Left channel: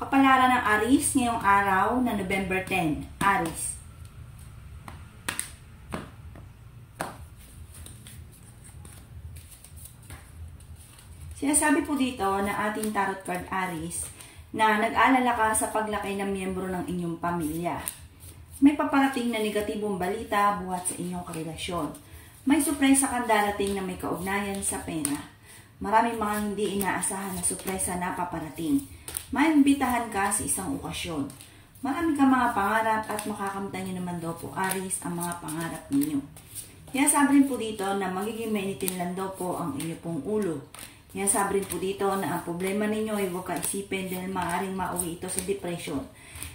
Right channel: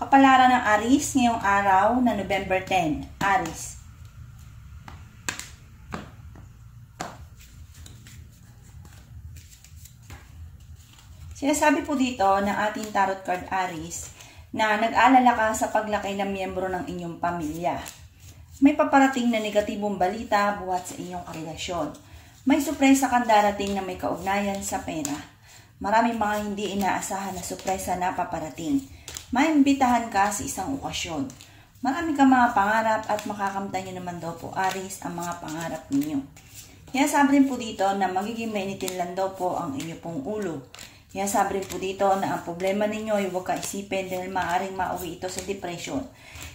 Kapalaran ng Aries ngayong araw na November 10. Aries. Sinasabi po dito ng ating tarot card Aries na nag-aalala ka sa paglaki ng miyembro ng inyong pamilya. May paparating na negatibong balita buhat sa inyong karelasyon. May sorpresa kang darating na may kaugnayan sa pera. Maraming mga hindi inaasahan na sorpresa na paparating. Maimbitahan ka sa isang okasyon. Marami kang mga pangarap at makakamtan nyo naman daw po Aries ang mga pangarap ninyo. Kaya sabi rin po dito na magiging mainitin lang daw po ang inyo pong ulo. Kaya sabi rin po dito na ang problema ninyo ay huwag kaisipin dahil maaaring mauwi ito sa depression.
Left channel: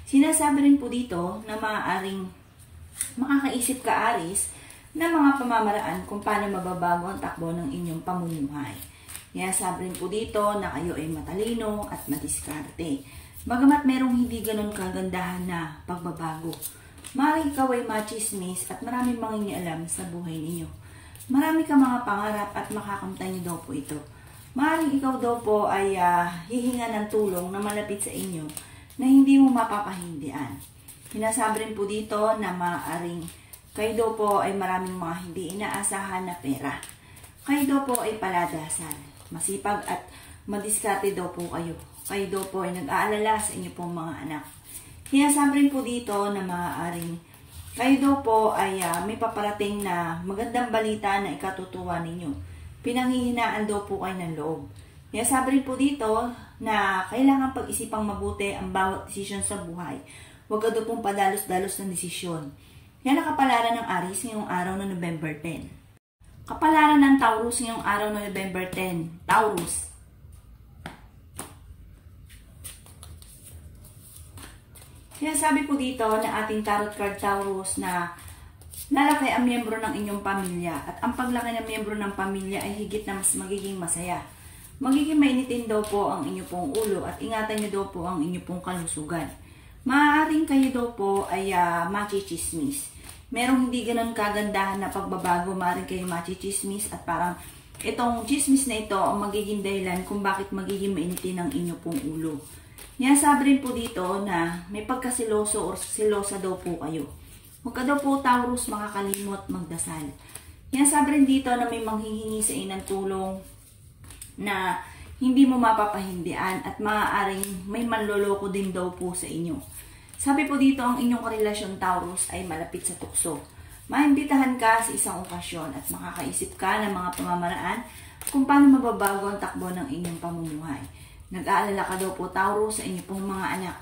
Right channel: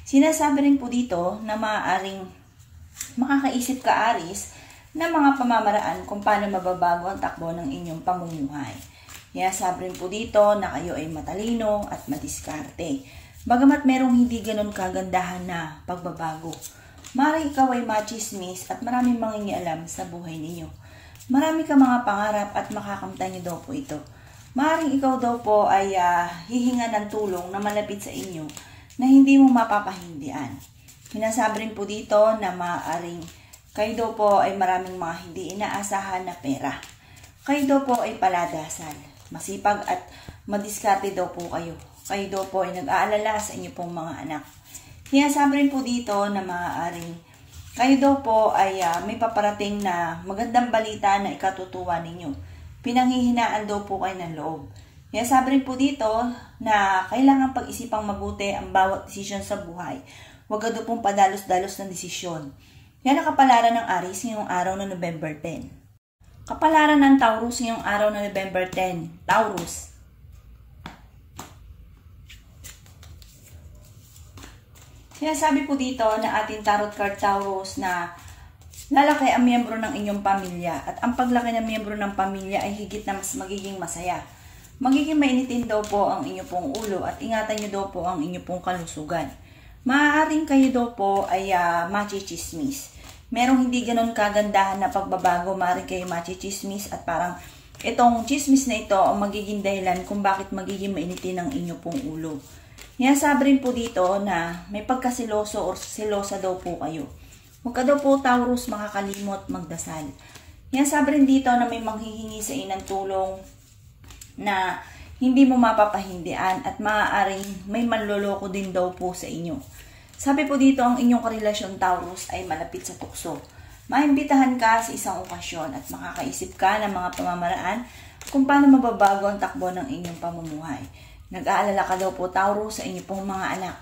Sinasabi rin po dito na maaaring makakaisip ka Aries na mga pamamaraan kung paano mababago ang takbo ng inyong pamumuhay. Kaya sabi rin po dito na kayo ay matalino at madiskarte. Bagamat merong hindi ganun kagandahan na pagbabago. Maaaring ikaw ay machismis at maraming mangingialam sa buhay ninyo. Marami ka mga pangarap at makakamtan nyo daw po ito. Maaaring ikaw daw po ay hihinga ng tulong na malapit sa inyo na hindi mo mapapahindian. Hinasabi rin po dito na maaaring kayo daw po ay maraming mga hindi inaasahan na pera. Kayo daw po ay paladasal. Masipag at madiskarte daw po kayo. Kayo daw po ay nag-aalala sa inyo pong mga anak. Hinasabi rin po dito na maaaring kayo daw po ay may paparating na magandang balita na ikatutuwa ninyo. Pinanghihinaan daw po kayo ng loob. Kaya sabi rin po dito na kailangan pag-isipang mabuti ang bawat desisyon sa buhay. Huwag ka daw pong padalos-dalos ng desisyon. Yan ang kapalaran ng Aries ngayong araw na November 10. Kapalaran ng Taurus ngayong araw na November 10. Taurus. Sinasabi po dito na ating tarot card Taurus na lalaki ang miyembro ng inyong pamilya at ang paglaki ng miyembro ng pamilya ay higit na mas magiging masaya. Magiging mainitin daw po ang inyong pong ulo at ingatan nyo daw po ang inyong pong kalusugan. Maaaring kayo daw po ay machichismis. Merong hindi ganun kagandahan na pagbabago, maaaring kayo machichismis at parang itong chismis na ito ang magiging dahilan kung bakit magiging mainitin ang inyong pong ulo. Yan sabi rin po dito na may pagkasiloso o silosa daw po kayo. Huwag ka daw po Taurus makakalimot magdasal. Yan sabi rin dito na may manghihingi sa inang tulong na hindi mo mapapahindian at maaaring may manloloko din daw po sa inyo. Sabi po dito ang inyong karelasyon Taurus ay malapit sa tukso. Maimbitahan ka sa isang okasyon at makakaisip ka ng mga pamamaraan kung paano mababago ang takbo ng inyong pamumuhay. Nag-aalala ka daw po Taurus sa inyong pong mga anak.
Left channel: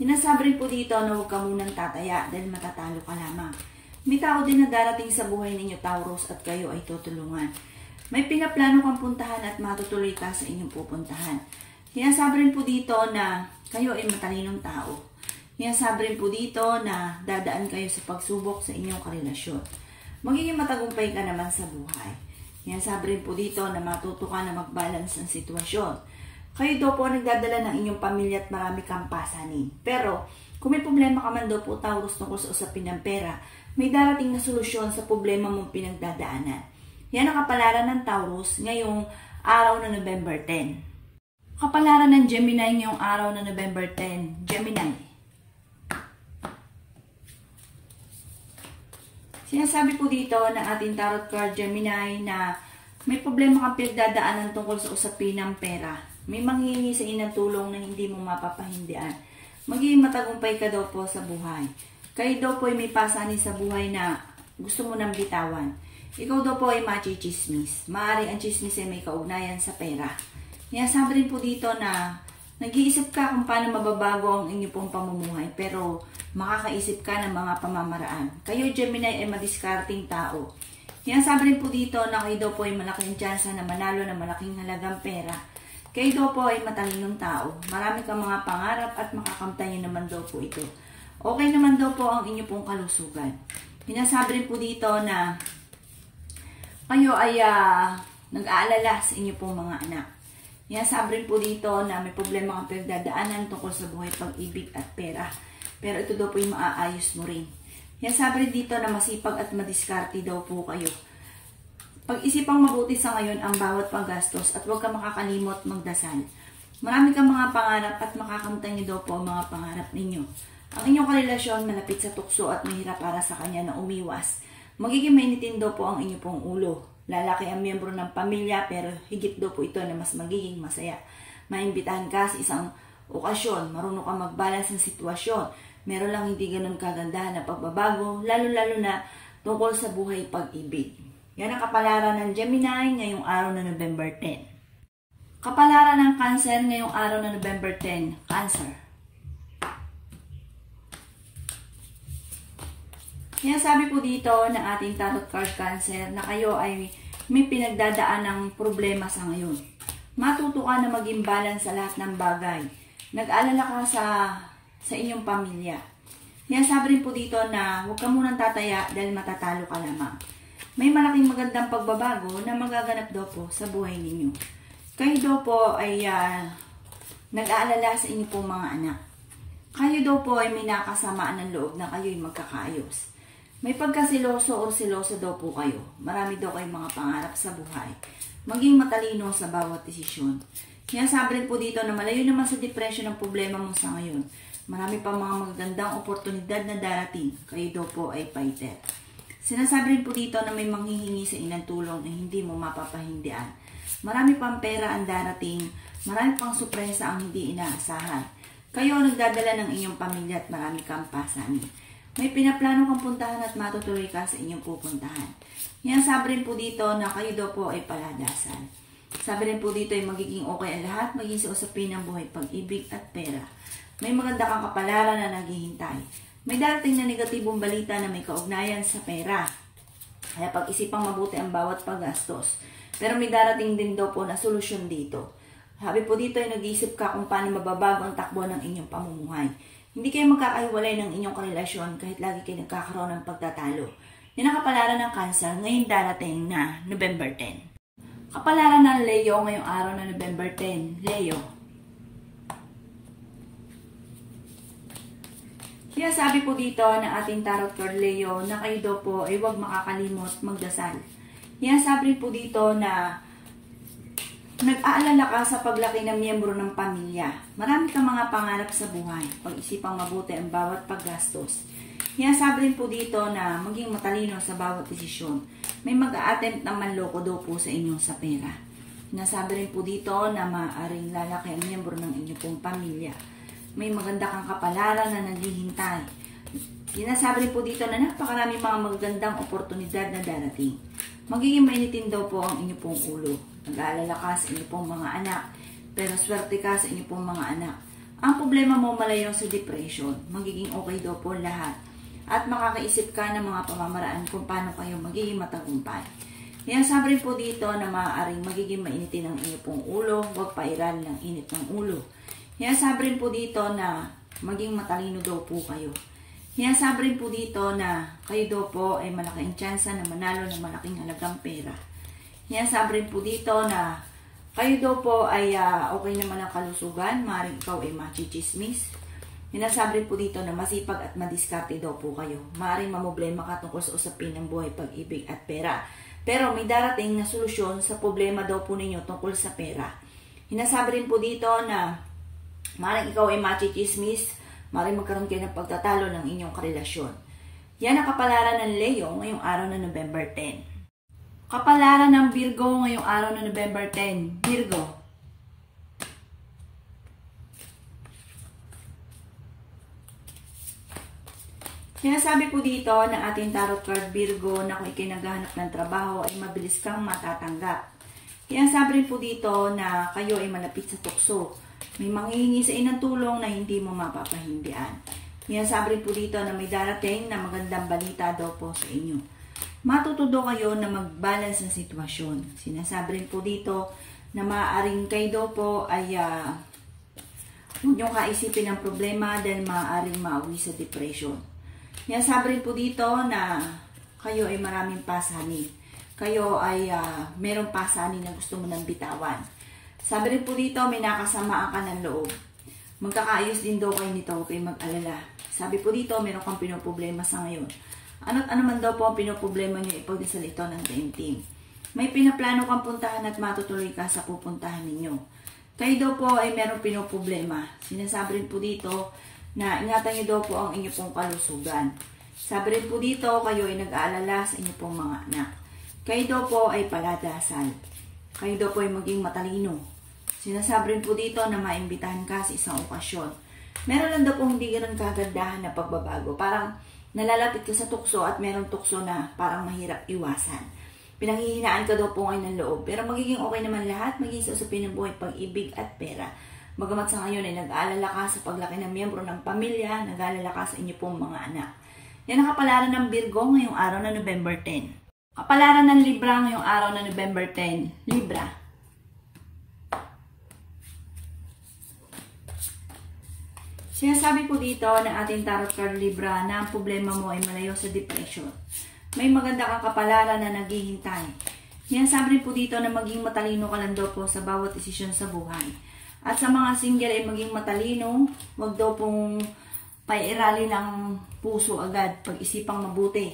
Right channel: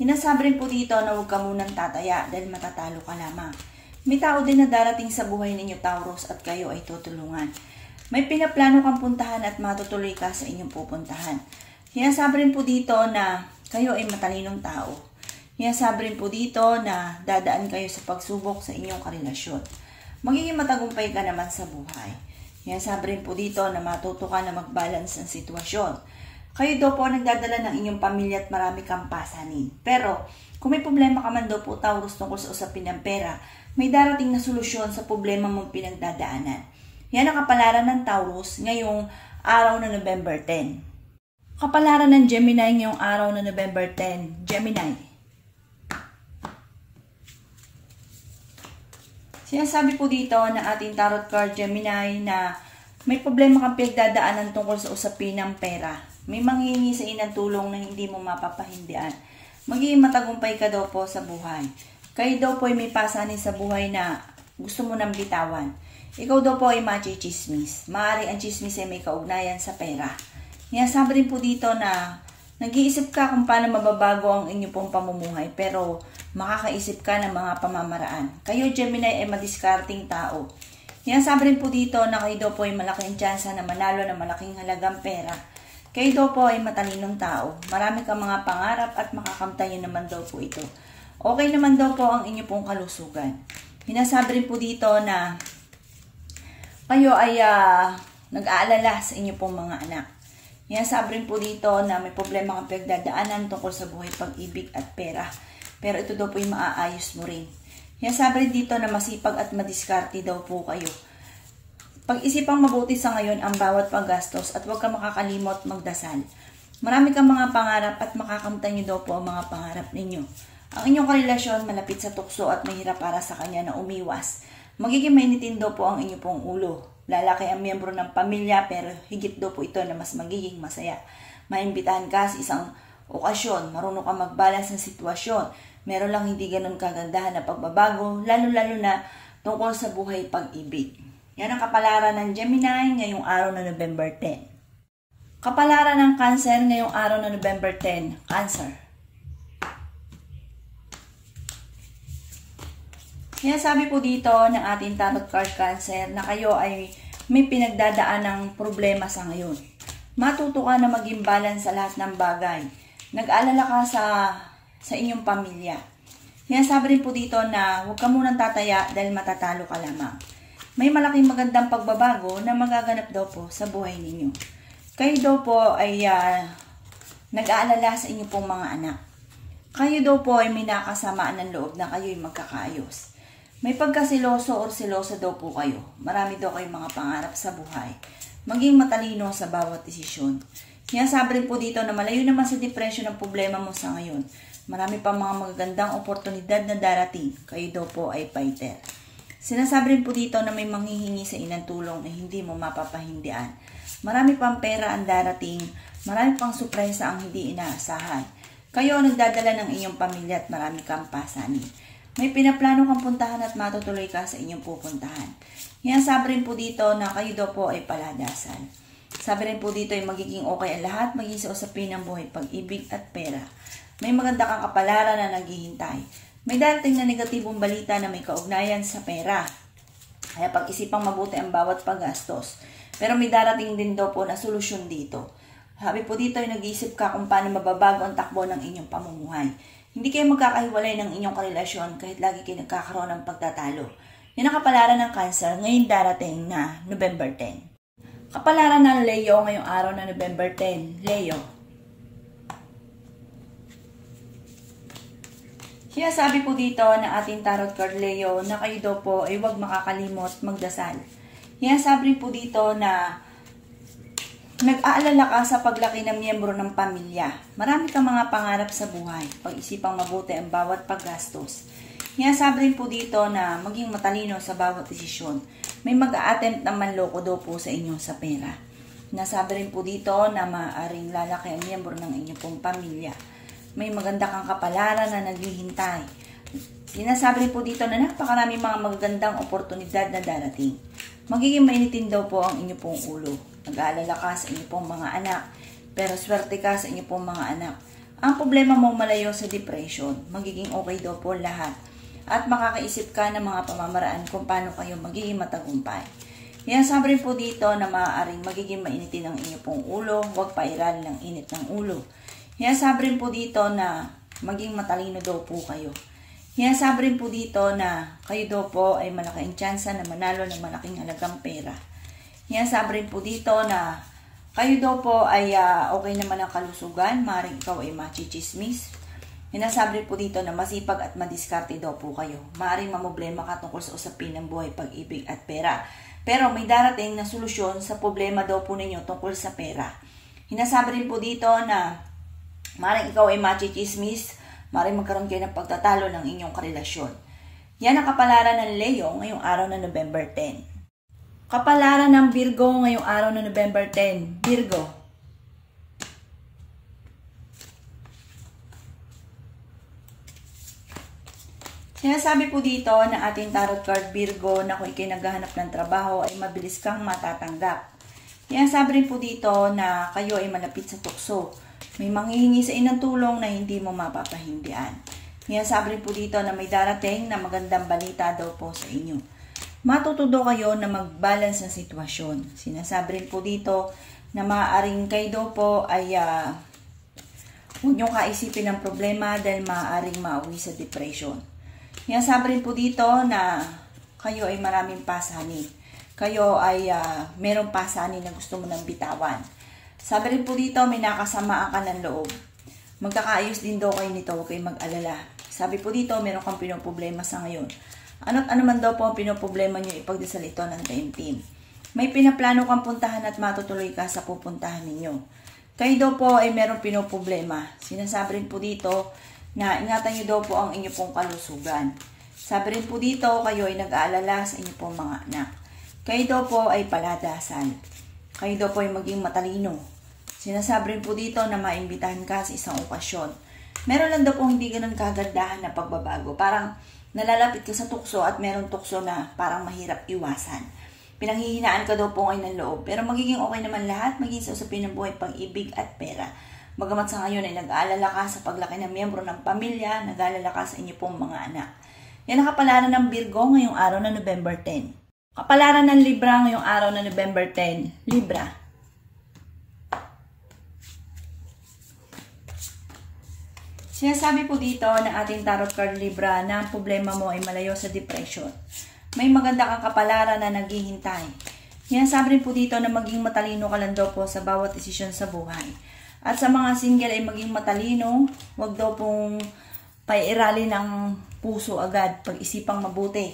Hinasabi rin po dito na huwag ka munang tataya dahil matatalo ka lamang. May tao din na darating sa buhay ninyo Taurus at kayo ay tutulungan. May pinaplano kang puntahan at matutuloy ka sa inyong pupuntahan. Hinasabi rin po dito na kayo ay matalinong tao. Hinasabi rin po dito na dadaan kayo sa pagsubok sa inyong karelasyon. Magiging matagumpay ka naman sa buhay. Hinasabi rin po dito na matuto ka na mag-balance ang sitwasyon. Kayo daw po nagdadala ng inyong pamilya at marami kang pasanin. Pero, kung may problema ka man daw po Taurus tungkol sa usapin ng pera, may darating na solusyon sa problema mong pinagdadaanan. Yan ang kapalaran ng Taurus ngayong araw na November 10. Kapalaran ng Gemini ngayong araw na November 10. Gemini. Sinasabi po dito ng ating tarot card Gemini na may problema kang pinagdadaanan tungkol sa usapin ng pera. May manghihingi sa inang tulong na hindi mo mapapahindian. Magiging matagumpay ka daw po sa buhay. Kayo daw po ay may pasanin sa buhay na gusto mo nang bitawan. Ikaw daw po ay machichismis. Maaari ang chismis ay may kaugnayan sa pera. Sabi rin po dito na nag-iisip ka kung paano mababago ang inyong pong pamumuhay pero makakaisip ka ng mga pamamaraan. Kayo Gemini ay madiskarting tao. Sabi rin po dito na kayo daw po ay malaking tsansa na manalo ng malaking halagang pera. Kayo daw po ay matalinong tao. Marami kang mga pangarap at makakamtan nyo naman daw po ito. Okay naman daw po ang inyong pong kalusugan. Hinasabi rin po dito na kayo ay nag-aalala sa inyong pong mga anak. Hinasabi rin po dito na may problema kang pinagdadaanan tungkol sa buhay, pag-ibig at pera. Pero ito daw po yung maaayos mo rin. Hinasabi rin dito na masipag at madiskarte daw po kayo. Pag-isipang mabuti sa ngayon ang bawat paggastos at huwag ka makakalimot magdasal. Marami kang mga pangarap at makakamtan niyo daw po ang mga pangarap ninyo. Ang inyong karelasyon malapit sa tukso at mahirap para sa kanya na umiwas. Magiging mainitin daw po ang inyong pong ulo. Lalaki ang miyembro ng pamilya pero higit daw po ito na mas magiging masaya. Maimbitahan ka sa isang okasyon, marunong ka mag-balance ng sitwasyon. Meron lang hindi ganun kagandahan na pagbabago, lalo-lalo na tungkol sa buhay pag-ibig. Yan ang kapalaran ng Gemini ngayong araw na November 10. Kapalaran ng Cancer ngayong araw na November 10. Cancer. Sinasabi po dito ng ating tarot card Cancer na kayo ay may pinagdadaan ng problema sa ngayon. Matuto ka na maging balance sa lahat ng bagay. Nag-alala ka sa inyong pamilya. Sinasabi rin po dito na huwag ka munang tataya dahil matatalo ka lamang. May malaking magandang pagbabago na magaganap daw po sa buhay ninyo. Kayo daw po ay nag-aalala sa inyong pong mga anak. Kayo daw po ay may nakasamaan ng loob na kayo ay magkakaayos. May pagkasiloso o siloso daw po kayo. Marami daw kayong mga pangarap sa buhay. Maging matalino sa bawat desisyon. Sinasabi rin po dito na malayo naman sa depression ang problema mo sa ngayon. Marami pang mga magagandang oportunidad na darating. Kayo daw po ay fighter. Sinasabi rin po dito na may manghihingi sa inang tulong na hindi mo mapapahindian. Marami pang pera ang darating. Marami pang sorpresa ang hindi inaasahan. Kayo ang nagdadala ng inyong pamilya at marami kang pasanin. May pinaplano kang puntahan at matutuloy ka sa inyong pupuntahan. Yan sabi rin po dito na kayo daw po ay paladasan. Sabi rin po dito ay magiging okay ang lahat, maging sa usapin ng buhay, pag-ibig at pera. May maganda kang kapalaran na naghihintay. May darating na negatibong balita na may kaugnayan sa pera. Kaya pag-isipang mabuti ang bawat paggastos. Pero may darating din daw po na solusyon dito. Sabi po dito ay nag-iisip ka kung paano mababago ang takbo ng inyong pamumuhay. Hindi kayo magkakahiwalay ng inyong karelasyon kahit lagi kayo nagkakaroon ng pagtatalo. Yan ang kapalaran ng Cancer ngayon darating na November 10. Kapalaran ng Leo ngayong araw na November 10. Leo. Kaya sabi po dito ng ating tarot card Leo na kayo daw po ay huwag makakalimot magdasal. Kaya sabi rin po dito na nag-aalala ka sa paglaki ng miyembro ng pamilya. Marami kang mga pangarap sa buhay. Pag-isipang mabuti ang bawat paggastos. Kaya sabi rin po dito na maging matalino sa bawat desisyon. May mag-a-attempt na manloko daw po sa inyo sa pera. Nasabi rin po dito na maaaring lalaki ang miyembro ng inyong pong pamilya. May maganda kang kapalaran na naghihintay. Sinasabi rin po dito na napakarami mga magagandang oportunidad na darating. Magiging mainitin daw po ang inyong pong ulo. Nag-aalala ka sa inyong pong mga anak, pero swerte ka sa inyong pong mga anak. Ang problema mo malayo sa depression, magiging okay daw po lahat. At makakaisip ka ng mga pamamaraan kung paano kayo magiging matagumpay. Yan sabi rin po dito na maaaring magiging mainitin ang inyong pong ulo, huwag pairalin ng init ng ulo. Yan sabi rin po dito na maging matalino daw po kayo. Yan sabi rin po dito na kayo daw po ay malaking tsansa na manalo ng malaking halagang pera. Yan sabi rin po dito na kayo daw po ay okay naman ang kalusugan, maaaring ikaw ay machichismis. Sinasabi rin po dito na masipag at madiskarte daw po kayo. Maaaring mamoblema ka tungkol sa usapin ng buhay, pag-ibig at pera. Pero may darating na solusyon sa problema daw po ninyo tungkol sa pera. Sinasabi rin po dito na maaaring ikaw ay machichismis, maaaring magkaroon kayo ng pagtatalo ng inyong karelasyon. Yan ang kapalaran ng Leo ngayong araw na November 10. Kapalaran ng Virgo ngayong araw na November 10. Virgo. Sinasabi po dito ng ating tarot card Virgo na kung ikay naghahanap ng trabaho ay mabilis kang matatanggap. Sinasabi rin po dito na kayo ay malapit sa tukso. May manghihingi sa inang tulong na hindi mo mapapahindian. Sinasabi rin po dito na may darating na magandang balita daw po sa inyo. Matututo kayo na mag-balance ng sitwasyon. Sinasabi rin po dito na maaaring kayo daw po ay huwag niyong kaisipin ng problema dahil maaaring mauwi sa depression. Sinasabi rin po dito na kayo ay maraming pasanin. Kayo ay merong pasanin na gusto mo nang bitawan. Sabi rin po dito may nakasamaan ka ng loob. Magkakaayos din daw kayo nito, huwag kayong mag-alala. Sabi po dito meron kang pinoproblema sa ngayon. Ano't ano man daw po ang pinoproblema nyo, ipagdasal ito ng taimtim. May pinaplano kang puntahan at matutuloy ka sa pupuntahan ninyo. Kayo daw po ay merong pinoproblema. Sinasabi rin po dito na ingatan nyo daw po ang inyo pong kalusugan. Sabi rin po dito, kayo ay nag-aalala sa inyo pong mga anak. Kayo daw po ay paladasal. Kayo daw po ay maging matalino. Sinasabi rin po dito na maimbitahan ka sa isang okasyon. Meron lang daw po hindi ganun kagandahan na pagbabago. Parang nalalapit ka sa tukso at meron tukso na parang mahirap iwasan. Pinanghihinaan ka daw po ngayon ng loob. Pero magiging okay naman lahat, maging sa usapin ng buhay, pag-ibig at pera. Bagamat sa ngayon ay nag-aalala ka sa paglaki ng miyembro ng pamilya, nag-aalala ka sa inyo pong mga anak. Yan ang kapalaran ng Virgo ngayong araw na November 10. Kapalaran ng Libra ngayong araw na November 10. Libra. Sinasabi po dito ng ating tarot card Libra na ang problema mo ay malayo sa depression. May maganda kang kapalaran na naghihintay. Sinasabi rin po dito na maging matalino ka lang daw po sa bawat desisyon sa buhay. At sa mga single ay maging matalino, wag daw pong paiirali ng puso agad, pag-isipang mabuti.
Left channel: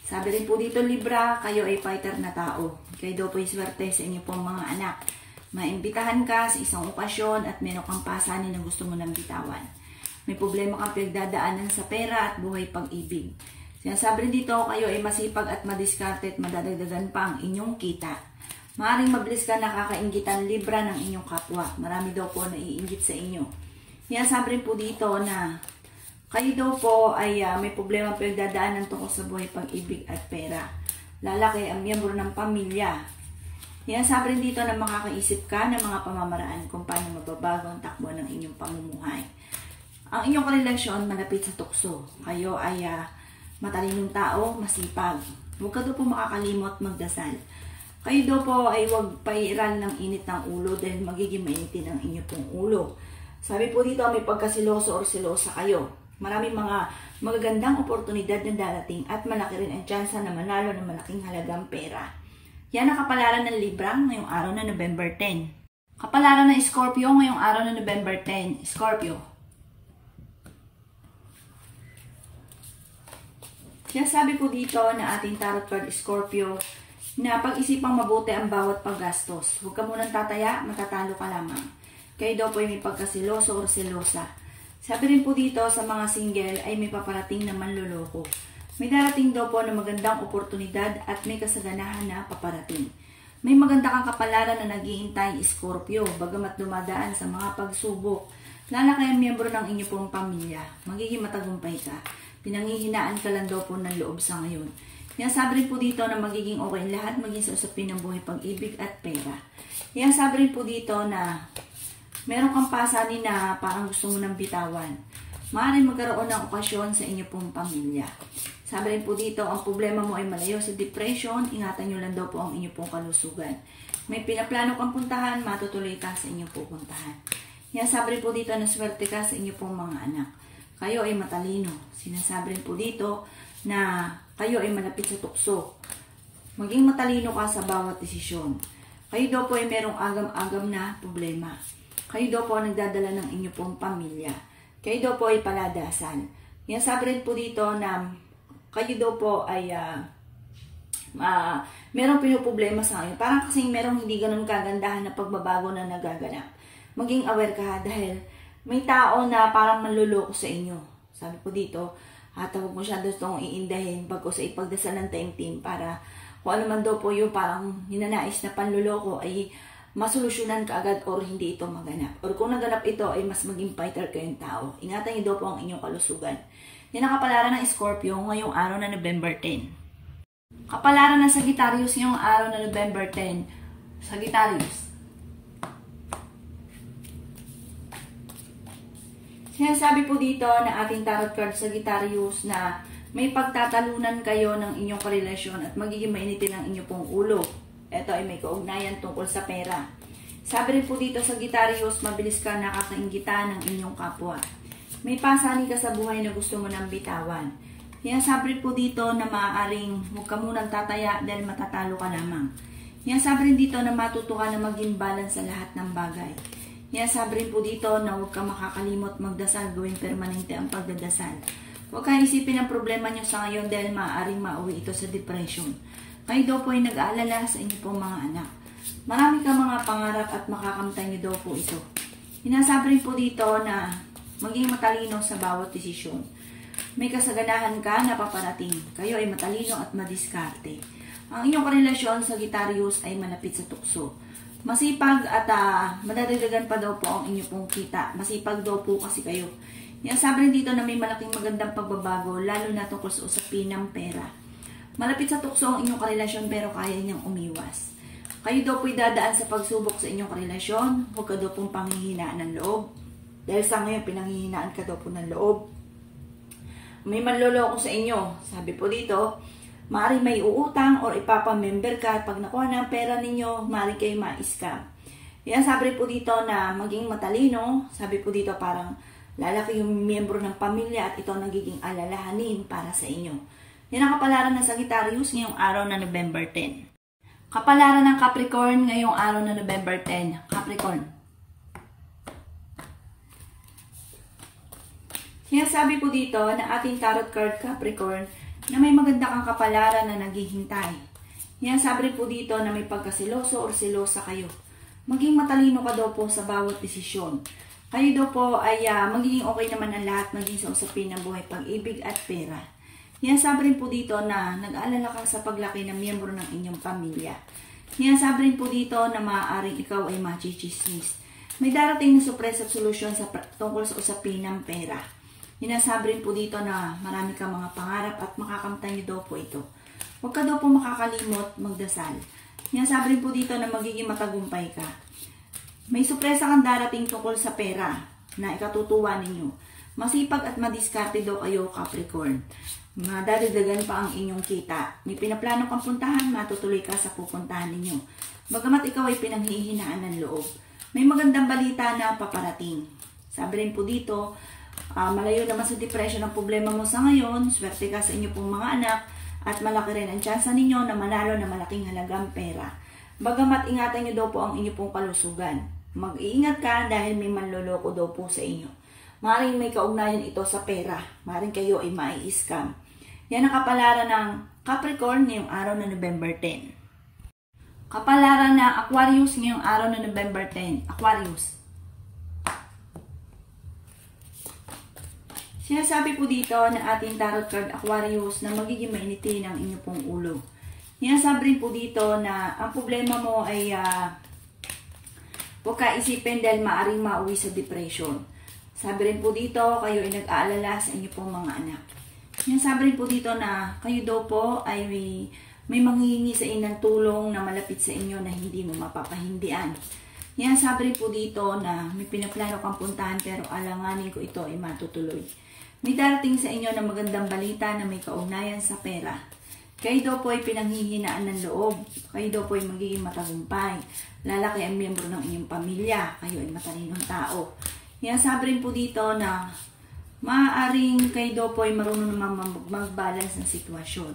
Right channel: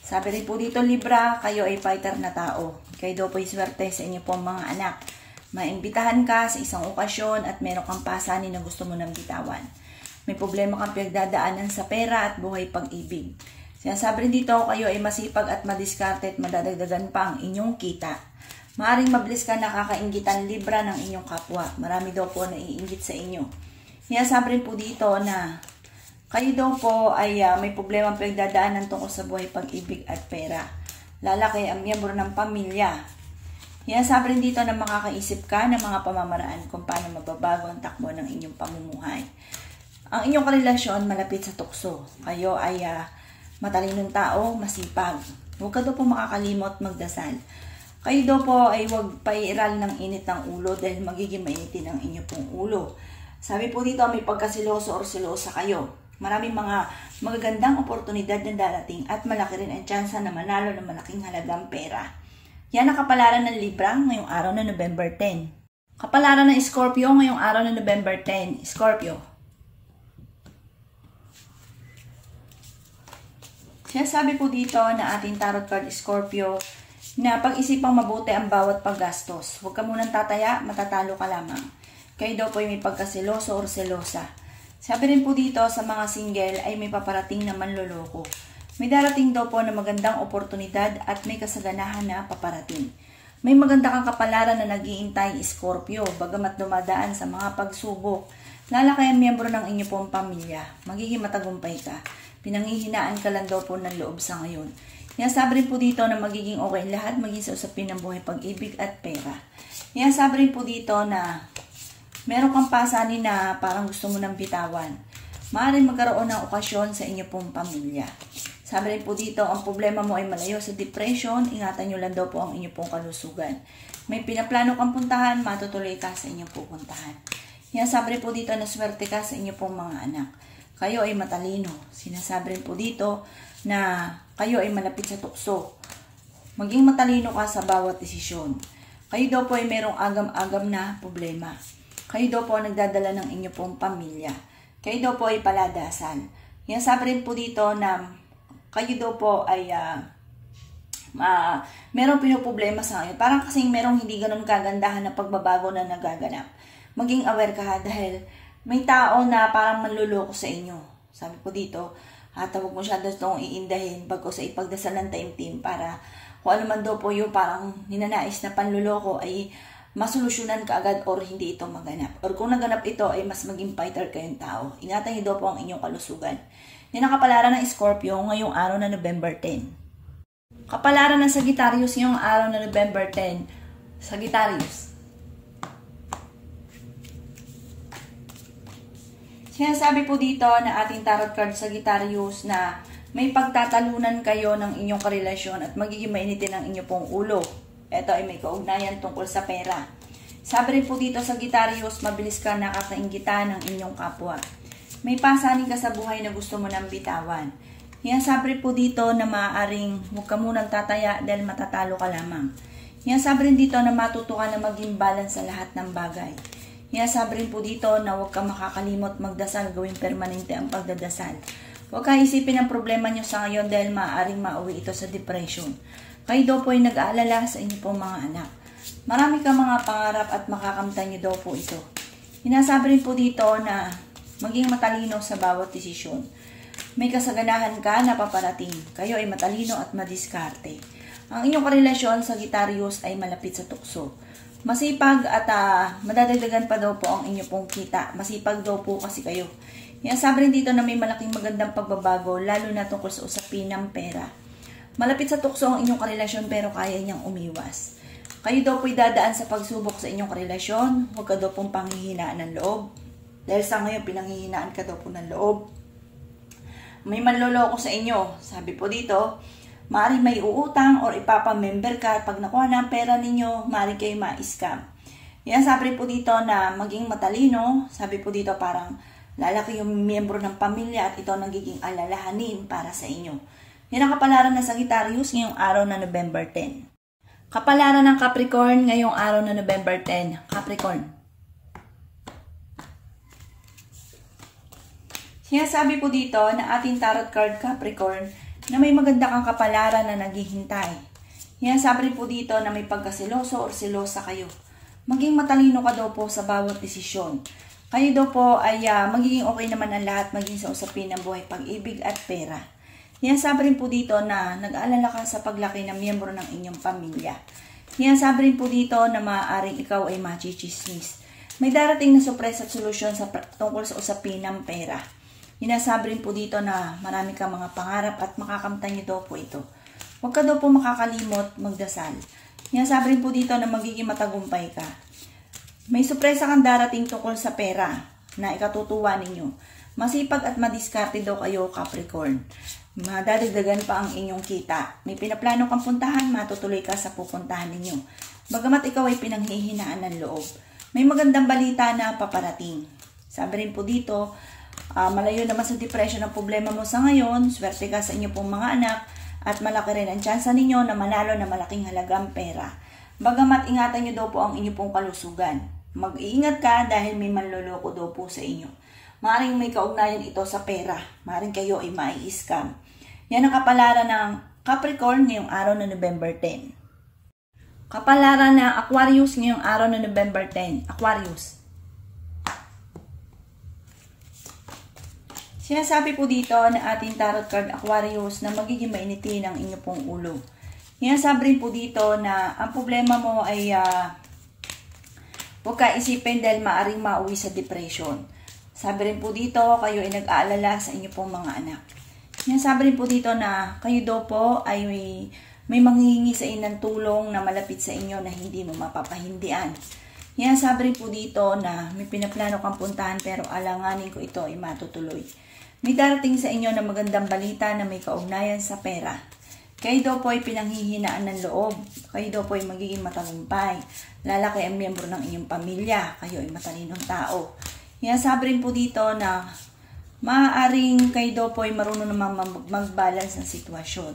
Sabi rin po dito Libra, kayo ay fighter na tao. Kayo daw po ay swerte sa inyo pong mga anak. Maimbitahan ka sa isang okasyon at meron kang pasanin na gusto mo nang bitawan. May problema kang pinagdadaanan sa pera at buhay pag-ibig. Sinasabi rin dito, kayo ay masipag at madiskarte at madadagdagan pa ang inyong kita. Maaring mabilis ka nakakainggitan Libra ng inyong kapwa. Marami daw po naiinggit sa inyo. Sinasabi rin po dito na kayo daw po ay may problema pinagdadaanan tungkol sa buhay pag-ibig at pera. Lalaki ang miyembro ng pamilya. Sinasabi rin dito na makakaisip ka ng mga pamamaraan kung paano mababago ang takbo ng inyong pamumuhay. Ang inyong karelasyon malapit sa tukso. Kayo ay matalinong tao, masipag. Huwag ka daw po makakalimot magdasal. Kayo daw po ay huwag pairal ng init ng ulo dahil magiging mainitin ang inyo pong ulo. Sabi po dito may pagkasiloso or silosa kayo. Maraming mga magagandang oportunidad na darating at malaki rin ang tsansa na manalo ng malaking halagang pera. Yan ang kapalaran ng Libra ngayong araw na November 10. Kapalaran ng Scorpio ngayong araw na November 10. Scorpio. Sinasabi po dito na ating tarot card Scorpio na pag-isipang mabuti ang bawat paggastos. Huwag ka munang tataya, matatalo ka lamang. Kayo daw po ay may pagkasiloso or selosa. Sabi rin po dito sa mga single ay may paparating na manloloko. May darating daw po na magandang oportunidad at may kasaganahan na paparating. May maganda kang kapalaran na nag-iintay Scorpio, bagamat dumadaan sa mga pagsubok. Lalaki ang miyembro ng inyo pong pamilya. Magiging matagumpay ka. Pinanghihinaan ka lang daw po ng loob sa ngayon. Sabi rin po dito na magiging okay lahat, maging sa usapin ng buhay, pag-ibig at pera. Sabi rin po dito na meron kang pasanin na parang gusto mo nang bitawan. Maaaring magkaroon ng okasyon sa inyo pong pamilya. Sabi rin po dito, ang problema mo ay malayo sa depression, ingatan nyo lang daw po ang inyo pong kalusugan. May pinaplano kang puntahan, matutuloy ka sa inyong pupuntahan. Sabi rin po dito na swerte ka sa inyo pong mga anak. Kayo ay matalino. Sinasabi rin po dito na kayo ay malapit sa tukso. Maging matalino ka sa bawat desisyon. Kayo daw po ay merong agam-agam na problema. Kayo daw po nagdadala ng inyo pong pamilya. Kayo daw po ay paladasal. Sabi rin po dito na kayo daw po ay merong pinoproblema sa ngayon. Parang kasing merong hindi ganun kagandahan na pagbabago na nagaganap. Maging aware ka dahil may tao na parang manluloko sa inyo. Sabi po dito, huwag mo siya itong iindahin bago sa ipagdasal ng taimtim para kung ano man daw po yung parang ninanais na panluloko ay masolusyonan ka agad or hindi ito maganap. Or kung naganap ito ay mas maging fighter kayong tao. Ingatan niyo daw po ang inyong kalusugan. Yan ang kapalaran ng Scorpio ngayong araw na November 10. Kapalaran ng Sagittarius ngayong araw na November 10. Sagittarius. Sinasabi po dito na ating tarot card Sagittarius na may pagtatalunan kayo ng inyong karelasyon at magiging mainitin ang inyong pong ulo. Ito ay may kaugnayan tungkol sa pera. Sabi rin po dito Sagittarius, mabilis ka nakakainggitan ng inyong kapwa. May pasanin ka sa buhay na gusto mo nang bitawan. Sabi rin po dito na maaaring huwag ka munang tataya dahil matatalo ka lamang. Sabi rin dito na matuto ka na maging balance sa lahat ng bagay. Sabi rin po dito na huwag ka makakalimot magdasal, gawing permanente ang pagdadasal. Huwag kang isipin ang problema nyo sa ngayon dahil maaaring mauwi ito sa depression. Kayo daw po ay nag-aalala sa inyo pong mga anak. Marami kang mga pangarap at makakamtan niyo daw po ito. Hinasabi rin po dito na maging matalino sa bawat desisyon. May kasaganahan ka na paparating. Kayo ay matalino at madiskarte. Ang inyong karelasyon sa Sagittarius ay malapit sa tukso. Masipag at madadagdagan pa daw po ang inyong pong kita. Masipag daw po kasi kayo. Hinasabi rin dito na may malaking magandang pagbabago, lalo na tungkol sa usapin ng pera. Malapit sa tukso ang inyong karelasyon pero kaya niyang umiwas. Kayo daw po'y dadaan sa pagsubok sa inyong karelasyon. Huwag ka daw pong panghihinaan ng loob. Dahil sa ngayon, pinanghihinaan ka daw po ng loob. May manloloko sa inyo. Sabi po dito, maaaring may uutang o ipapamember ka at pag nakuha na ang pera ninyo, maaaring kayo ma-scam. Yan sabi po dito na maging matalino. Sabi po dito parang lalaki yung miyembro ng pamilya at ito nagiging alalahanin para sa inyo. Yan ang kapalaran ng Sagittarius ngayong araw na November 10. Kapalaran ng Capricorn ngayong araw na November 10. Capricorn. Sinasabi po dito na ating tarot card Capricorn na may maganda kang kapalaran na naghihintay. Sinasabi rin po dito na may pagkasiloso o silosa kayo. Maging matalino ka daw po sa bawat desisyon. Kayo daw po ay magiging okay naman ang lahat maging sa usapin ng buhay, pag-ibig at pera. Sinasabi rin po dito na nag-aalala ka sa paglaki ng miyembro ng inyong pamilya. Sinasabi rin po dito na maaaring ikaw ay machichismis. May darating na surprise at solusyon tungkol sa usapin ng pera. Sinasabi rin po dito na marami kang mga pangarap at makakamtan niyo daw po ito. Huwag ka daw po makakalimot magdasal. Sinasabi rin po dito na magiging matagumpay ka. May surpresa kang darating tungkol sa pera na ikatutuwa ninyo. Masipag at madiskarte daw kayo Capricorn. Madadagdagan pa ang inyong kita. May pinaplano kang puntahan, matutuloy ka sa pupuntahan ninyo. Bagamat ikaw ay pinanghihinaan ng loob. May magandang balita na paparating. Sabi rin po dito, malayo naman sa depression ang problema mo sa ngayon. Swerte ka sa inyo pong mga anak at malaki rin ang tsansa ninyo na manalo na malaking halagang pera. Bagamat ingatan nyo daw po ang inyong pong kalusugan. Mag-iingat ka dahil may manloloko daw po sa inyo. Maaaring may kaugnayan ito sa pera. Maaaring kayo ay mai-scam. Yan ang kapalaran ng Capricorn ngayong araw na November 10. Kapalaran ng Aquarius ngayong araw na November 10. Aquarius. Sinasabi po dito na ating tarot card Aquarius na magiging mainitin ang inyong pong ulo. Sinasabi rin po dito na ang problema mo ay huwag ka isipin dahil maaaring mauwi sa depression. Sabi rin po dito, kayo ay nag-aalala sa inyong pong mga anak. Sinasabi rin po dito na kayo daw po ay may manghihingi sa inyo ng tulong na malapit sa inyo na hindi mo mapapahindian. Sinasabi rin po dito na may pinaplano kang puntahan pero alanganin ko ito ay matutuloy. May darating sa inyo na magandang balita na may kaugnayan sa pera. Kayo daw po ay pinanghihinaan ng loob. Kayo daw po ay magiging matagumpay. Lalaki ang miyembro ng inyong pamilya. Kayo ay matalinong tao. Sinasabi rin po dito na maaaring kayo daw po ay marunong naman mag-balance ng sitwasyon.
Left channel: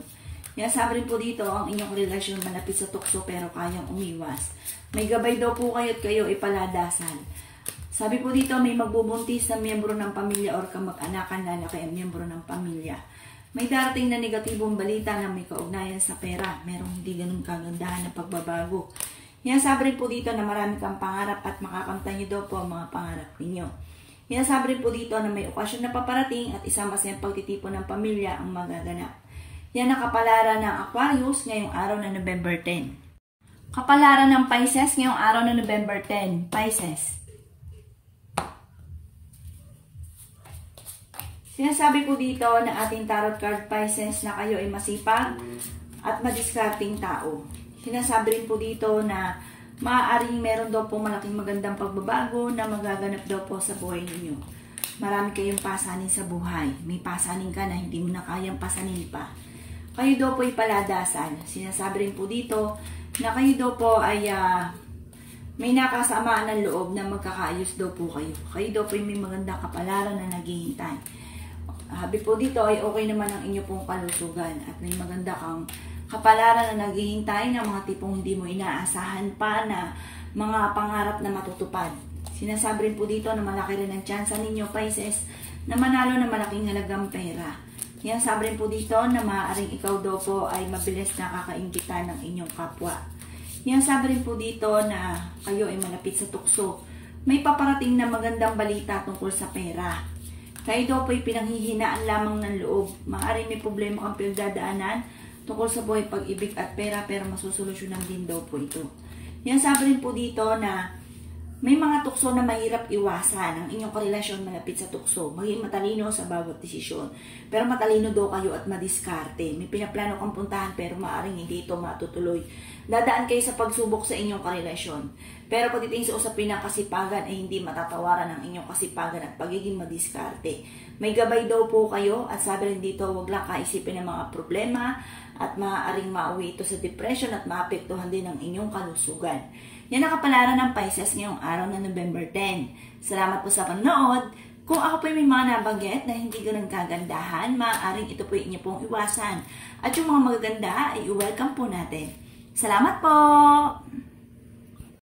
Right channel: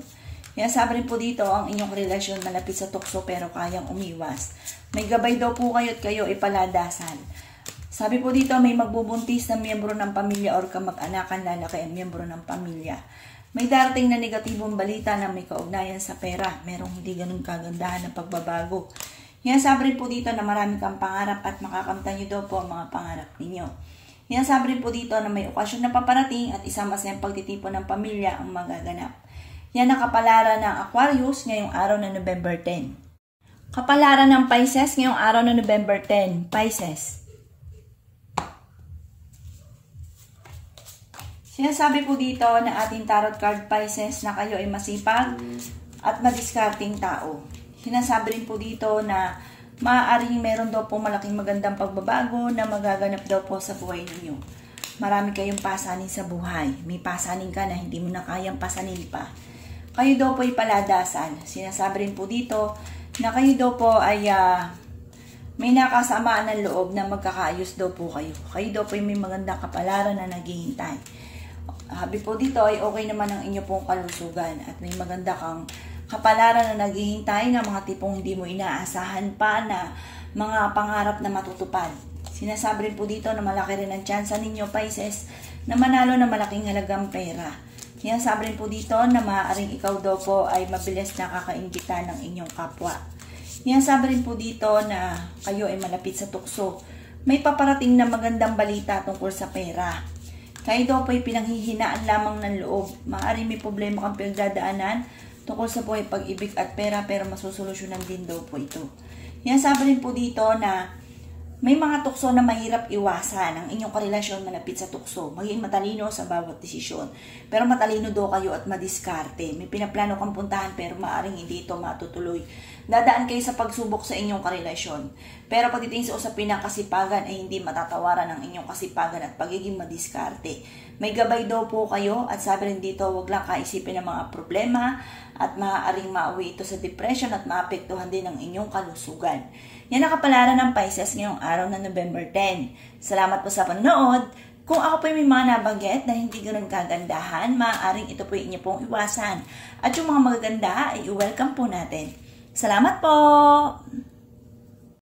Sinasabi rin po dito ang inyong relasyon malapit sa tukso pero kayang umiwas. May gabay daw po kayo at kayo ay paladasan. Sabi po dito may magbubuntis na miyembro ng pamilya or kamag-anakan lalaki ang miyembro ng pamilya. May darating na negatibong balita na may kaugnayan sa pera. Merong hindi ganun kagandahan ng pagbabago. Sinasabi rin po dito na marami kang pangarap at makakamtan niyo daw po ang mga pangarap ninyo. Sinasabi rin po dito na may okasyon na paparating at isang masayang pagtitipon ng pamilya ang magaganap. Yan ang kapalaran ng Aquarius ngayong araw na November 10. Kapalaran ng Pisces ngayong araw na November 10. Pisces. Sinasabi po dito na ating tarot card Pisces na kayo ay masipag at madiskarting tao. Sinasabi rin po dito na maaaring meron daw po malaking magandang pagbabago na magaganap daw po sa buhay ninyo. Marami kayong pasanin sa buhay. May pasanin ka na hindi mo na kayang pasanin pa. Kayo daw po ay paladasan. Sinasabi rin po dito na kayo daw po ay may nakasamaan ng loob na magkakaayos daw po kayo. Kayo daw po ay may magandang kapalaran na naghihintay. Habi po dito ay okay naman ang inyo pong kalusugan at may maganda kang kapalaran na naghihintay ng mga tipong hindi mo inaasahan pa na mga pangarap na matutupad. Sinasabi rin po dito na malaki rin ang tsansa ninyo, Pisces, na manalo na malaking halagang pera. Sinasabi rin po dito na maaaring ikaw daw po ay mabilis nakakaimbita ng inyong kapwa. Yan, sabi rin po dito na kayo ay malapit sa tukso. May paparating na magandang balita tungkol sa pera. Kayo daw po ay pinanghihinaan lamang ng loob. Maaari may problema kang pinagdadaanan tungkol sa buhay, pag-ibig at pera, pero masusolusyonan din daw po ito. Yan, sabi rin po dito na may mga tukso na mahirap iwasan ang inyong karelasyon malapit sa tukso. Maging matalino sa bawat desisyon. Pero matalino daw kayo at madiskarte. May pinaplano kang puntahan pero maaaring hindi ito matutuloy. Dadaan kayo sa pagsubok sa inyong karelasyon. Pero pagdating sa usapin ng kasipagan ay hindi matatawaran ang inyong kasipagan at pagiging madiskarte. May gabay daw po kayo at sabi rin dito, huwag lang kaisipin ng mga problema at maaaring mauwi ito sa depression at maapektuhan din ang inyong kalusugan. Yan ang kapalaran ng Pisces ngayong araw na November 10. Salamat po sa panonood. Kung ako po may mga nabanggit na hindi ganun kagandahan, maaaring ito po inyo pong iwasan. At yung mga magaganda ay i-welcome po natin. Salamat po!